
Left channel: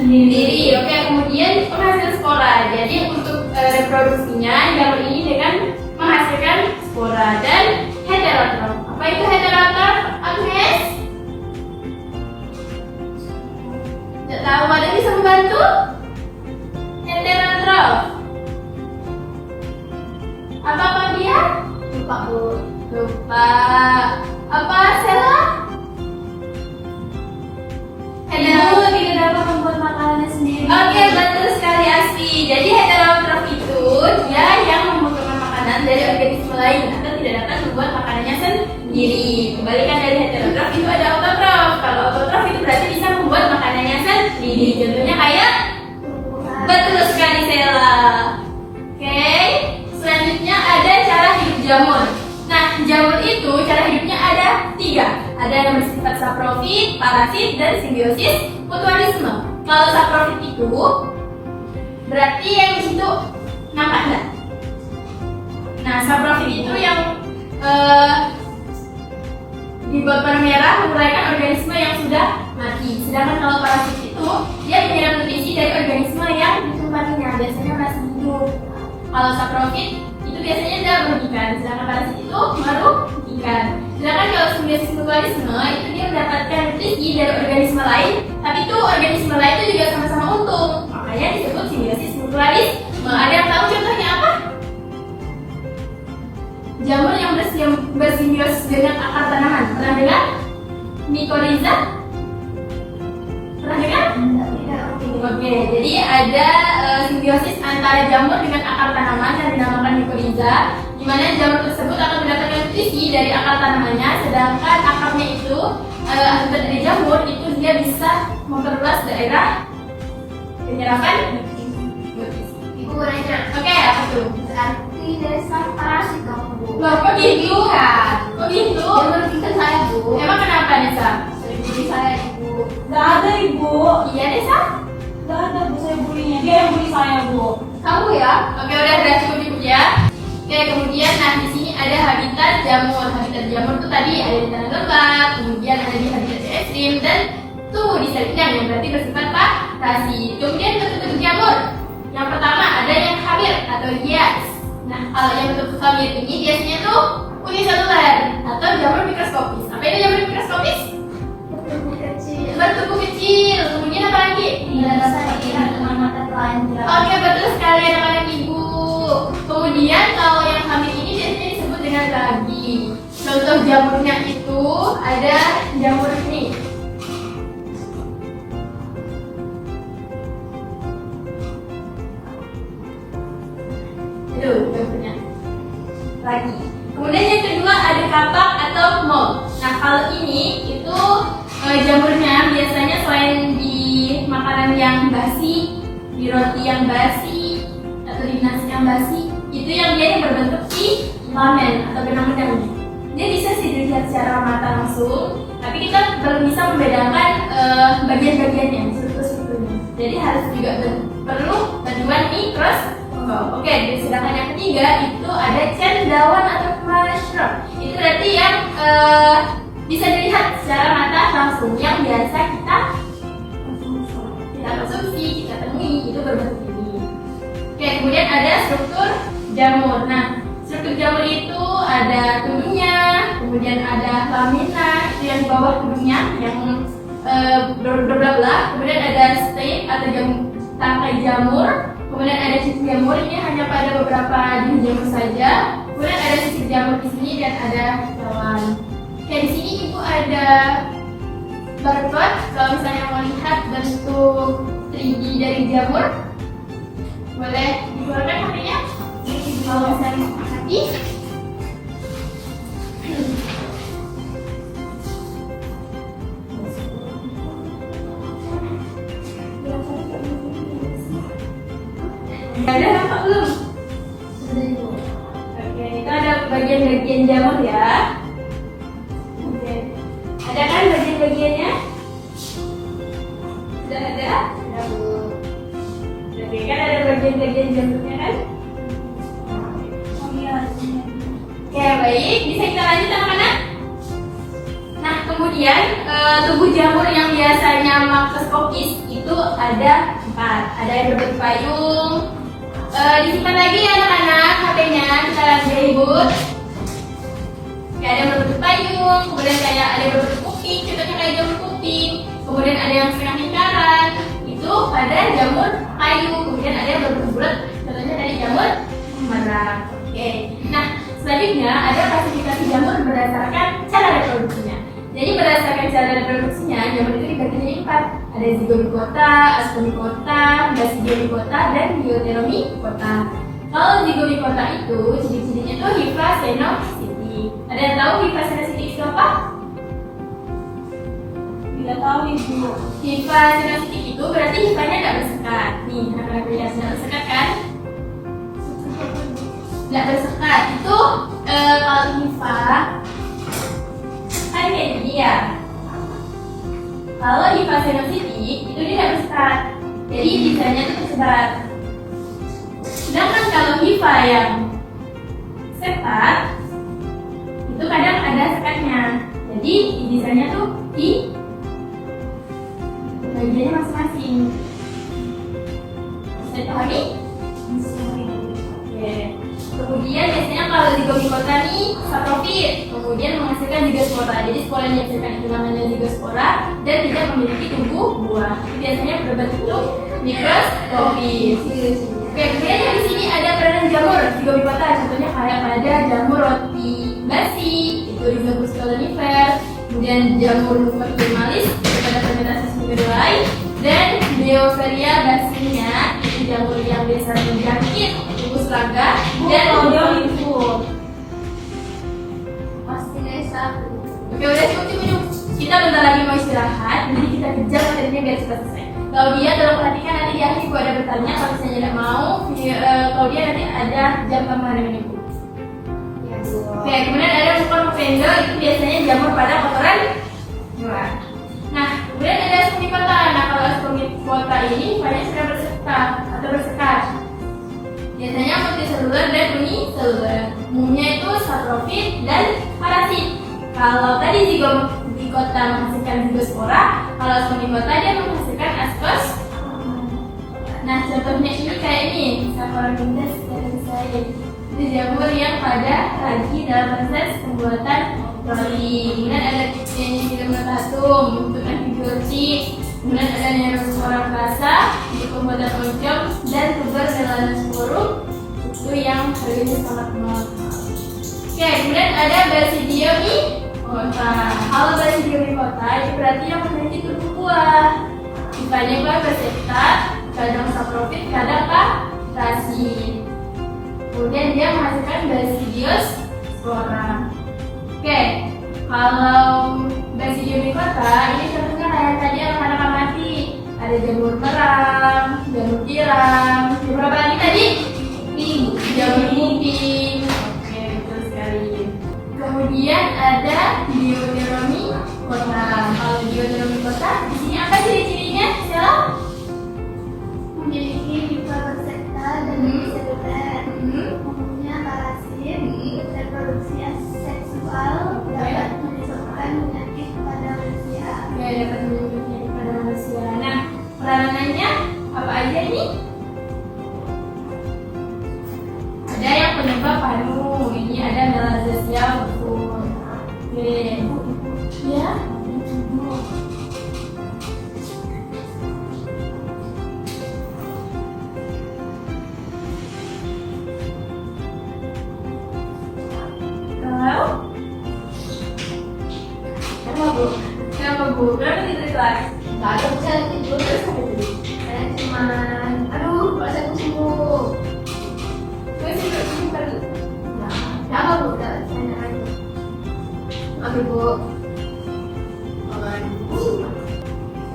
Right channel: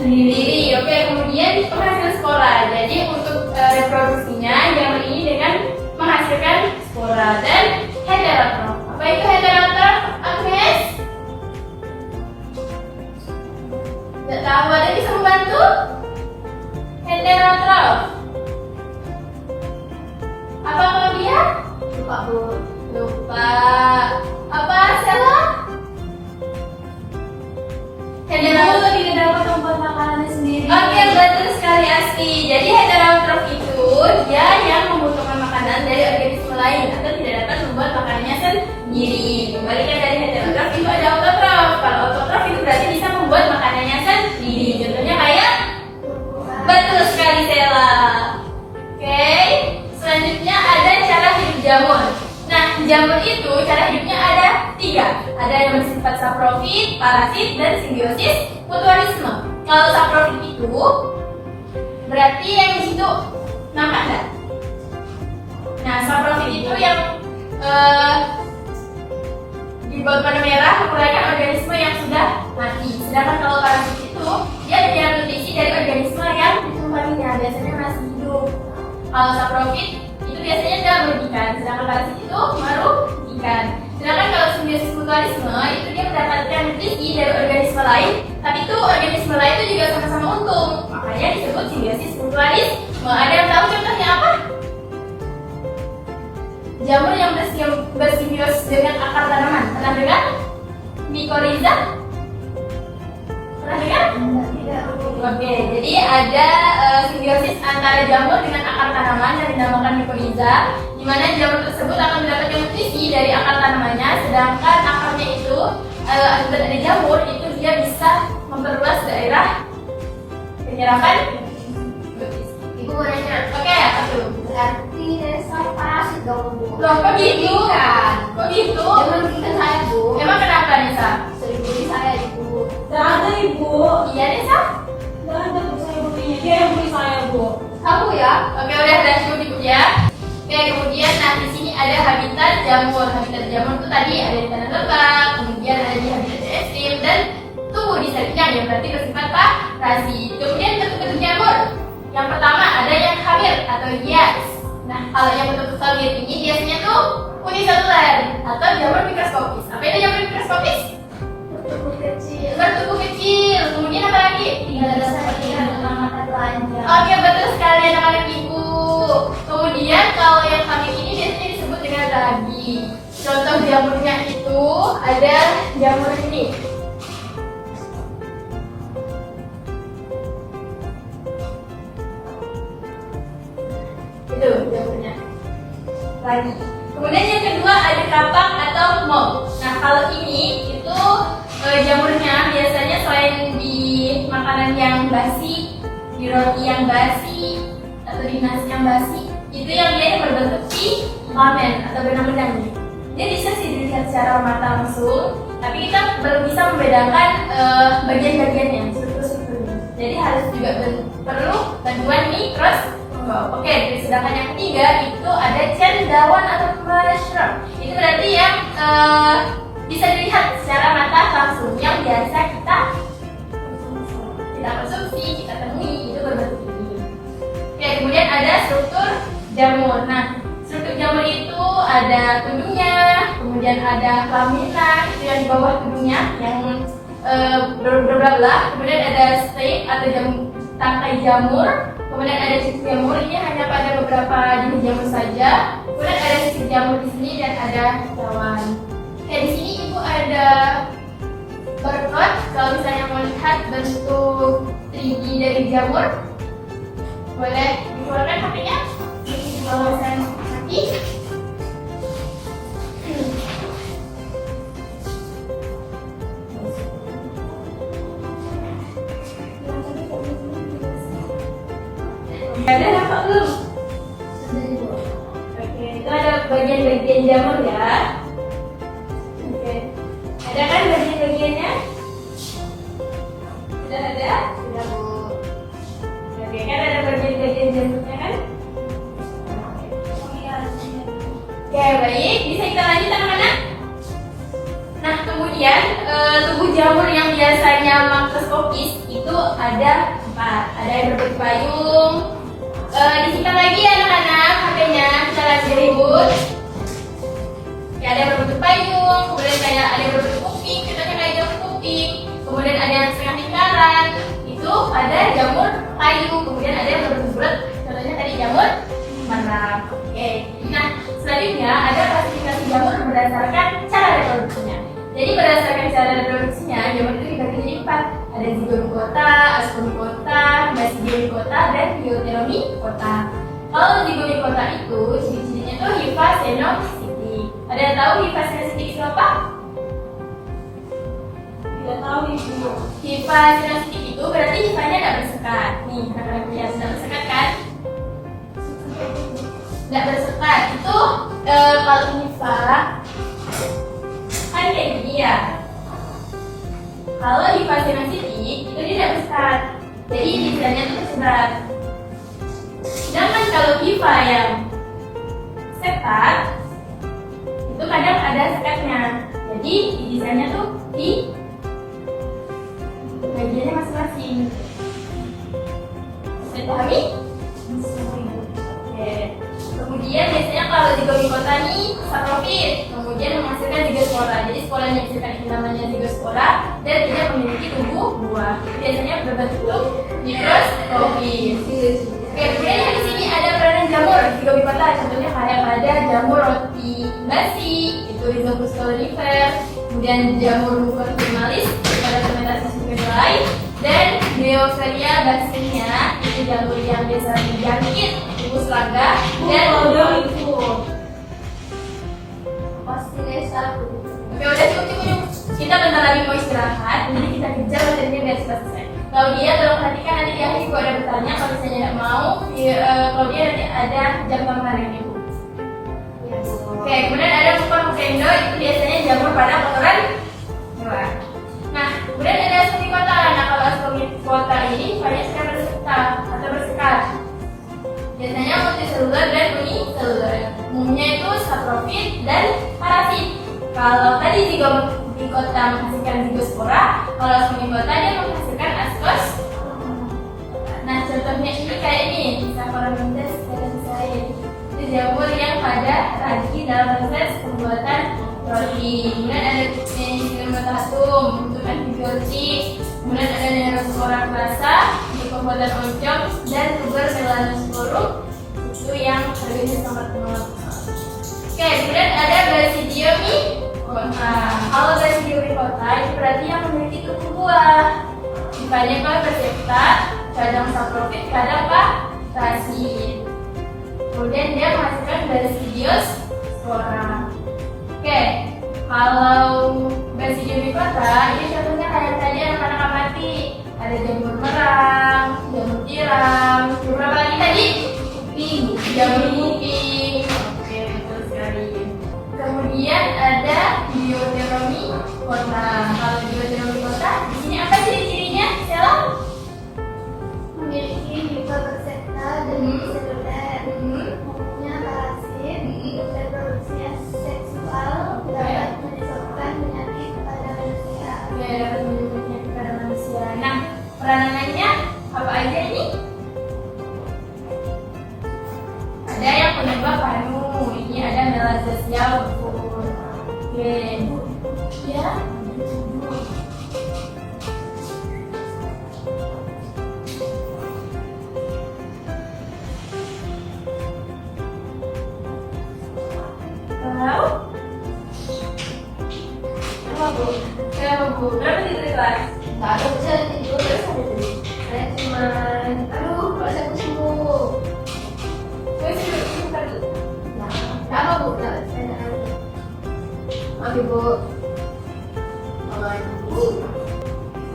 sendiri. Oke, kemudian penghasil spora. Jadi untuk reproduksinya jamur ini dengan menghasilkan spora dan heterotrof. Apa itu heterotrof, Agnes? Tidak tahu, ada bisa membantu? Heterotrof. Apa dia? Lupa bu. Lupa. Apa Sela? Ibu tidak dapat membuat makanannya sendiri. Oke, betul sekali Asti. Jadi heterotrof itu dia yang membutuhkan makanan dari organisme lain atau tidak dapat membuat makanannya sendiri. Kembalikan dari heterotrof itu ada autotrof. Kalau autotrof itu berarti bisa membuat makanannya sendiri. Contohnya kayak betul sekali Sela. Oke, selanjutnya ada cara hidup jamur. Nah, jamur itu cara hidupnya ada 3. Ada yang bersifat saprofit, parasit, dan simbiosis mutualisme. Kalau saprofit itu berarti yang di situ nampak enggak? Nah, saprofit itu yang dibuat warna merah menguraikan organisme yang sudah mati. Sedangkan kalau parasit itu dia menyerap nutrisi dari organisme yang ditumpanginya, biasanya masih hidup. Kalau saprofit itu biasanya tidak merugikan, sedangkan parasit itu merugikan. Sedangkan kalau simbiosis mutualisme itu dia mendapatkan nutrisi dari organisme lain, tapi itu organisme lain itu juga sama-sama untung, makanya disebut simbiosis mutualisme. Ada yang tahu contohnya apa? Jamur yang bersimbiosis dengan akar tanaman, pernah dengar? Mycorrhiza? Pernah dengar? Tidak. Oke, jadi ada simbiosis antara jamur dengan akar tanaman yang dinamakan mycorrhiza, di mana jamur tersebut akan mendapatkan nutrisi dari akar tanamannya, sedangkan akarnya itu akibat dari jamur itu dia bisa memperluas daerah penyerapan nutrisi. Ibu nanya. Oke, apa tuh? Berarti desa parasit dong bu. Loh, kok gitu? Ikan. Kok gitu? Jangan ikan saya bu. Emang kenapa Nisa? Sering Bu. Iya deh, Sa. Nggak ada Bu, saya bulinya. Dia yang bully saya, Bu. Kamu ya? Oke, udah cukup cukup ya. Oke, kemudian nah di sini ada habitat jamur. Habitat jamur tuh tadi ada di tanah lembab, kemudian ada di habitat ekstrim dan tuh di selingan yang berarti bersifat parasi. Kemudian bentuk-bentuk jamur. Yang pertama ada yang hamil atau hias. Nah, kalau yang bentuk hamil ini biasanya tuh uniseluler atau jamur mikroskopis. Apa itu jamur mikroskopis? Bertubuh kecil. Kemudian apa lagi? Tidak seperti mata telanjang. Oke, betul sekali anak-anak ibu. Kemudian kalau yang hamil ini biasanya disebut dengan ragi. Contoh jamurnya itu ada jamur ini. Itu jamurnya ragi. Kemudian yang kedua ada kapak atau mold. Nah, kalau ini itu jamurnya biasanya selain di makanan yang basi, di roti yang basi, atau di nasi yang basi, itu yang dia berbentuk filamen atau benang-benang. Dia bisa sih dilihat secara mata langsung, tapi kita belum bisa membedakan bagian-bagiannya, struktur-strukturnya. Jadi harus juga perlu bantuan mikroskop. Oke, sedangkan yang ketiga itu ada cendawan atau mushroom. Itu berarti yang bisa dilihat secara mata langsung, yang biasa kita konsumsi, kita temui, itu berbentuk ini. Oke, kemudian ada struktur jamur. Nah, struktur jamur itu ada tudungnya, kemudian ada lamina, itu yang di bawah tudungnya, yang berbelah. Kemudian ada stem atau tangkai jamur. Kemudian ada sisik jamur, ini hanya pada beberapa jenis jamur saja. Kemudian ada sisik jamur di sini dan ada cawan. Oke, di sini ibu ada barcode. Kalau misalnya mau lihat bentuk 3D dari jamur, boleh dikeluarkan HP-nya. Di bawah saya kaki. Ada apa belum? Oke, itu ada bagian-bagian jamur ya. Oke, ada kan bagian-bagiannya? Sudah ada? Sudah Bu. Oke, kan ada bagian-bagian jamurnya kan? Oke, baik. Bisa kita lanjut anak-anak? Nah, kemudian tubuh jamur yang biasanya makroskopis itu ada 4. Ada yang berbentuk payung. Disimpan lagi ya anak-anak HP-nya, kita lihat dari ibu. Ada yang berbentuk payung, kemudian kayak ada yang berbentuk kuping, contohnya kayak jamur kuping. Kemudian ada yang setengah lingkaran, itu pada jamur payung. Kemudian ada yang berbentuk bulat, contohnya tadi jamur merah. Oke. Nah, selanjutnya ada klasifikasi jamur berdasarkan cara reproduksinya. Jadi berdasarkan cara reproduksinya, jamur itu dibagi menjadi 4. Ada zygomicota, ascomicota, basidionicota, dan deuteromicota. Kalau zygomicota itu ciri-cirinya itu hifa senositik. Ada yang tahu hifa senositik itu apa? Tidak tahu Ibu. Hifa senositik itu berarti hifanya tidak bersekat. Nih, anak-anak lihat sudah bersekat kan? Tidak bersekat. Itu kalau hifa kan kayak gini ya. Kalau hifa senositik itu dia tidak bersekat, jadi desainnya itu tersebar. Sedangkan kalau hifa yang sekat itu kadang ada sekatnya, jadi desainnya tuh di bagiannya masing-masing. Bisa dipahami? Oke. Kemudian biasanya kalau zygomicota nih saprofit, kemudian menghasilkan zygospora. Jadi sporanya menghasilkan itu namanya zygospora dan tidak memiliki tubuh buah. Biasanya berbentuk mikroskopis. Oke, kemudian di sini ada peranan jamur zygomicota. Contohnya kayak ada jamur roti basi, itu Rhizopus colonifer. Kemudian jamur Mucorphilmalis pada fermentasi kedelai dan Beoferia basilia, itu jamur yang biasa menjangkit tikus raga dan odolifur. Pasti desa. Oke, udah cukup. Kita bentar lagi mau istirahat, jadi kita kejar materinya biar cepat selesai. Kalau dia tolong perhatikan nanti di akhir ibu ada bertanya. Kalau misalnya tidak mau, kalau dia nanti ada jam tambahan yang ibu. Oke, kemudian ada Mucorphendo, itu biasanya jamur pada kotoran luar. Nah, kemudian ada Ascomicota. ini banyak sekali berserta atau bersekat. Biasanya multiseluler dan uniseluler. Umumnya itu saprofit dan parasit. Kalau tadi zigota menghasilkan zigospora, kalau semigota dia menghasilkan askos. Nah, contohnya ini kayak ini, Saccharomyces cerevisiae. Itu jamur yang pada ragi dalam proses pembuatan roti. Kemudian ada Pteridinotatum untuk antibiotik. Kemudian ada Neospora rasa untuk pembuatan oncom dan tuber melanosporum itu yang harganya sangat mahal. Oke, kemudian ada Basidium micota. Kalau Basidium micota itu berarti yang memiliki tubuh buah. Tipenya persepta, kadang saprofit, kadang parasit. Kemudian dia menghasilkan Basidius spora. Oke, kalau Basidium micota ini contohnya kayak tadi anak-anak amati. Ada jamur merang, jamur tiram, jamur apa lagi tadi? Jamur kuping. Oke, betul sekali. Kemudian ada Dioneuromycota. Kalau Dioneuromycota di sini apa ciri-cirinya? Stella? Memiliki mikropersepta dan seluler, umumnya parasit, reproduksinya seksual, dapat menyebabkan penyakit pada manusia. Ya, dapat menyebabkan penyakit pada manusia. Nah, peranannya apa aja ini? Ada yang penyebab panu. Ini ada Melanogaster betul. Oke, ya. Apa bu? Berapa tidur di kelas? Nggak ada bisa tidur, saya cuma aduh badan sembuh. Terus tidur tadi? Nggak apa bu, nggak saya aja. Oke bu.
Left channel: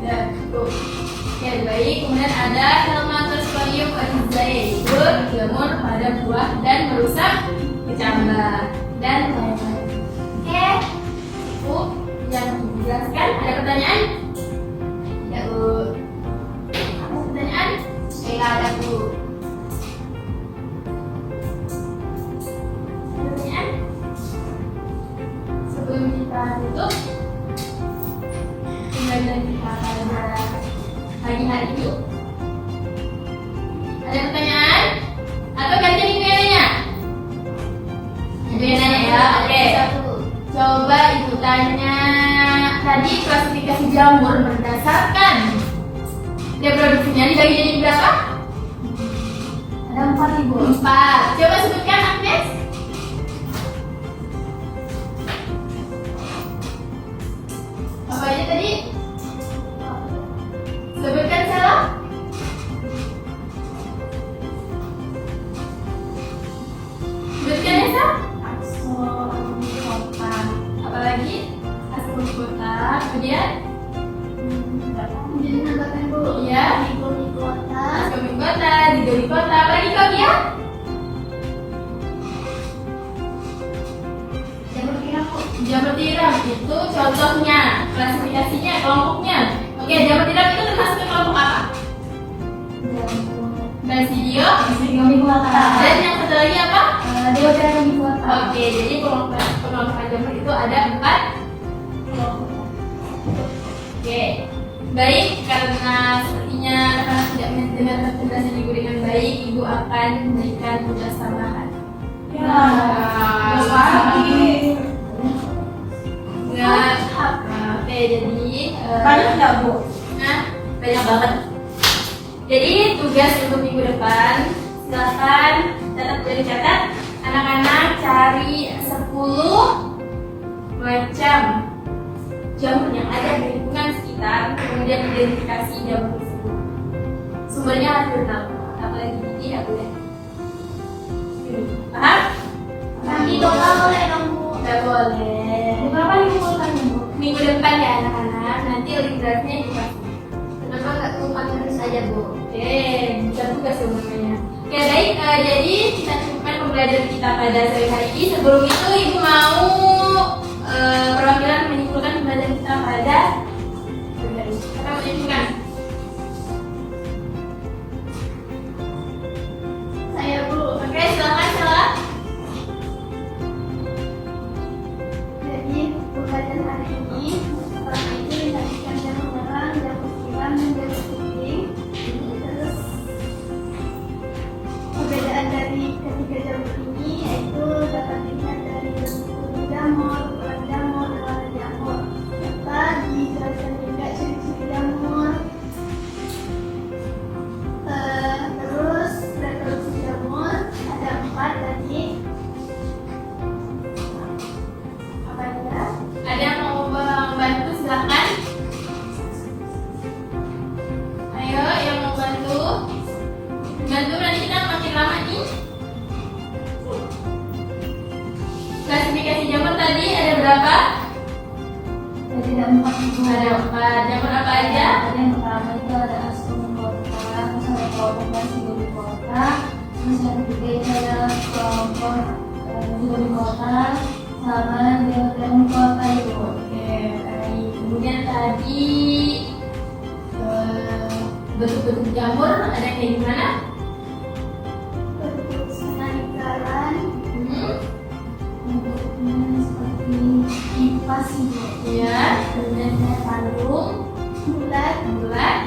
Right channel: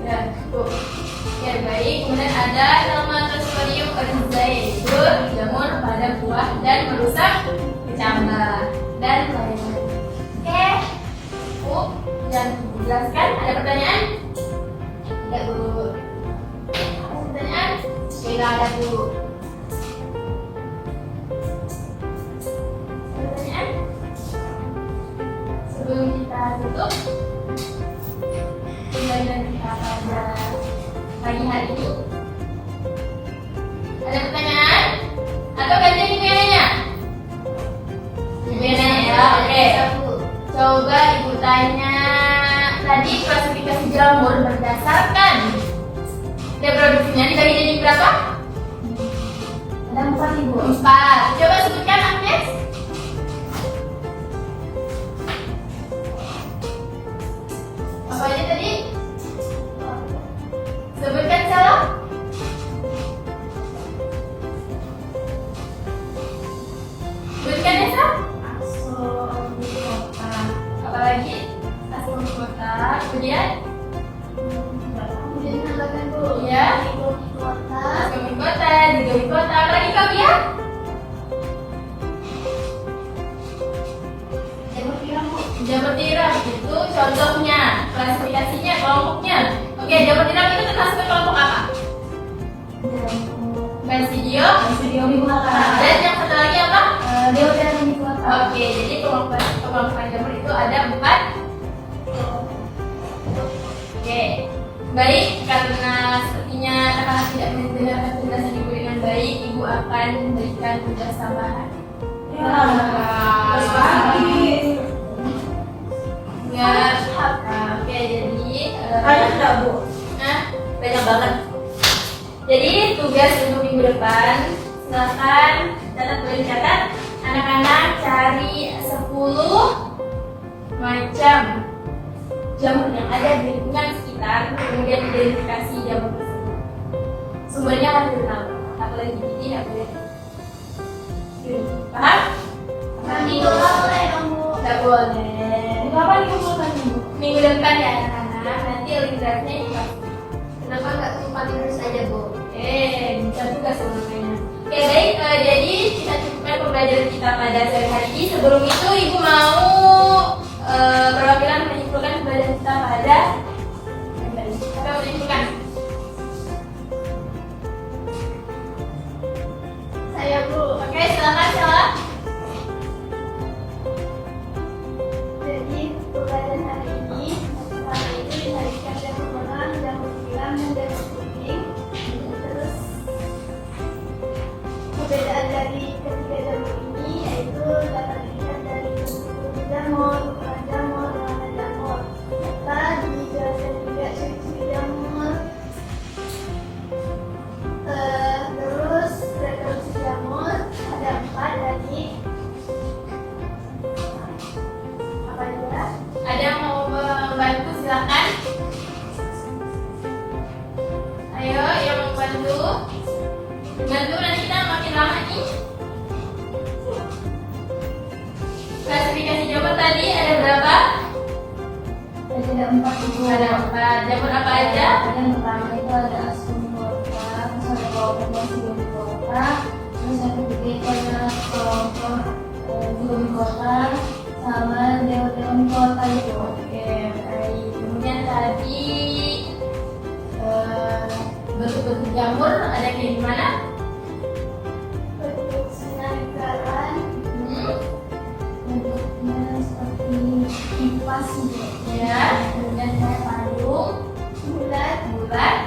Ya, bu. Oke, baik. Kemudian ada Helminthosporium oryzae, itu jamur pada buah dan merusak kecambah dan lain-lain. Oke, bu, yang dijelaskan. Ada pertanyaan? Tidak bu. Ada pertanyaan? Tidak ada bu. Ada pertanyaan? Sebelum kita tutup pembelajaran kita pada pagi hari ini, ada pertanyaan? Atau gantian ibu yang nanya? Ibu yang nanya ya? Oke. Coba ibu tanya tadi klasifikasi jamur berdasarkan reproduksinya dibagi jadi berapa? Ada 4 ibu. 4. Coba sebutkan Agnes. Apa aja tadi? Sebutkan salah. Sebutkan Esa. Aksomycota. Apalagi? Aksomycota. Kemudian? Kemudian nambahkan bu. Iya. Mikromycota. Aksomycota, Zygomycota. Apalagi kau ya? Jamur tiram bu. Jamur tiram itu contohnya, klasifikasinya, kelompoknya. Oke, jamur tiram itu termasuk ke kelompok apa? Basidiomycota. Dan yang satu lagi apa? Dioneuromycota. Oke, jadi pengelompokan jamur itu ada 4. Oke, baik. Karena sepertinya anak-anak tidak mendengarkan penjelasan ibu dengan baik, ibu akan memberikan tugas tambahan. Enggak. Oke, jadi Banyak enggak bu? nah, banyak banget. Jadi tugas untuk minggu depan, silakan catat, anak-anak cari 10 macam jamur yang ada di lingkungan sekitar, kemudian identifikasi jamur tersebut. Sumbernya harus diketahui, apalagi gigi, apalagi paham? Nanti kota boleh dong bu. Tidak boleh. Berapa minggu bulan bu? Minggu depan ya anak-anak, nanti literasinya dikasih. Kenapa nggak tumpang ini saja bu? Oke, bisa tugas semuanya. Oke, baik. Jadi kita cukupkan pembelajaran kita pada sore hari ini. Sebelum itu, ibu mau perwakilan menyimpulkan pembelajaran kita pada apa menyimpulkan? silakan. Ayo, yang mau bantu. Bantu nanti kita makin lama nih. Klasifikasi jamur tadi ada berapa? Ada 4 ibu. Ada 4. Jamur apa aja? Yang pertama itu ada Ascomycota, terus ada kelompok Zygomicota, terus yang ketiga itu ada kelompok Zygomicota sama Deuteromycota itu. Oke, baik. Kemudian tadi bentuk-bentuk jamur ada kayak gimana? Bentuk senarikalan, Hmm. bentuknya seperti kipas gitu. Ya, kemudian kayak pandung, Bulat, bulat.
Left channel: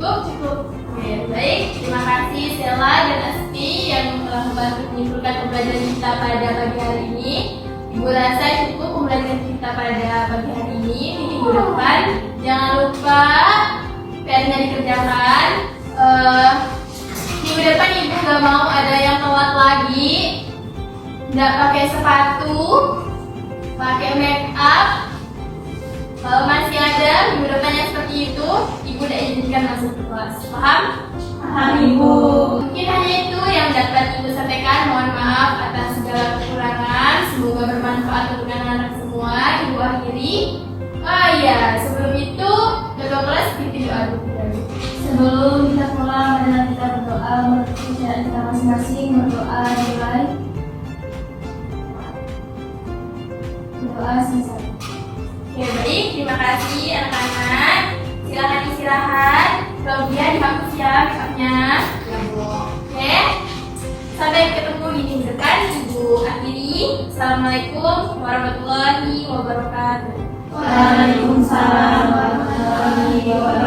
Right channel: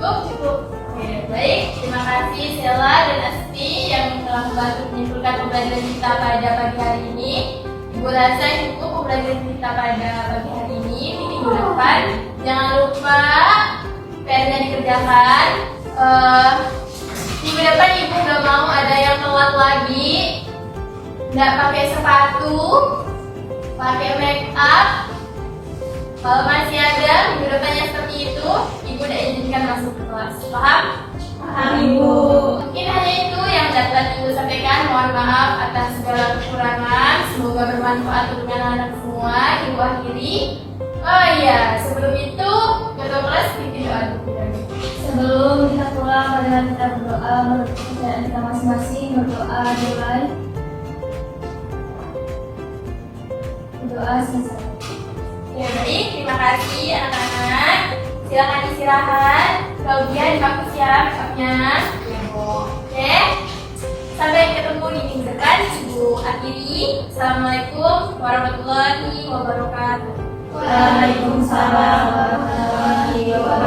Cukup. Oke, baik. Terima kasih Sela dan Asti yang telah membantu menyimpulkan pembelajaran kita pada pagi hari ini. Ibu rasa cukup pembelajaran kita pada pagi hari ini. Minggu depan jangan lupa PR-nya dikerjakan. Minggu depan ibu nggak mau ada yang telat lagi. Nggak pakai sepatu, pakai make up. Kalau masih ada minggu depan yang seperti itu, ibu udah izinkan masuk ke kelas. Paham? Paham, Ibu. Mungkin hanya itu yang dapat ibu sampaikan. Mohon maaf atas segala kekurangan. Semoga bermanfaat untuk anak-anak semua. Ibu akhiri. Oh iya, sebelum itu ketua kelas bikin doa dulu. sebelum kita pulang, marilah kita berdoa menurut kepercayaan kita masing-masing. Berdoa dimulai. Berdoa selesai. Oke, baik. Terima kasih anak-anak. Silakan istirahat. Claudia dihapus ya make-upnya. Oke. Sampai ketemu di minggu depan. Ibu akhiri. Assalamualaikum warahmatullahi wabarakatuh. Waalaikumsalam warahmatullahi wabarakatuh.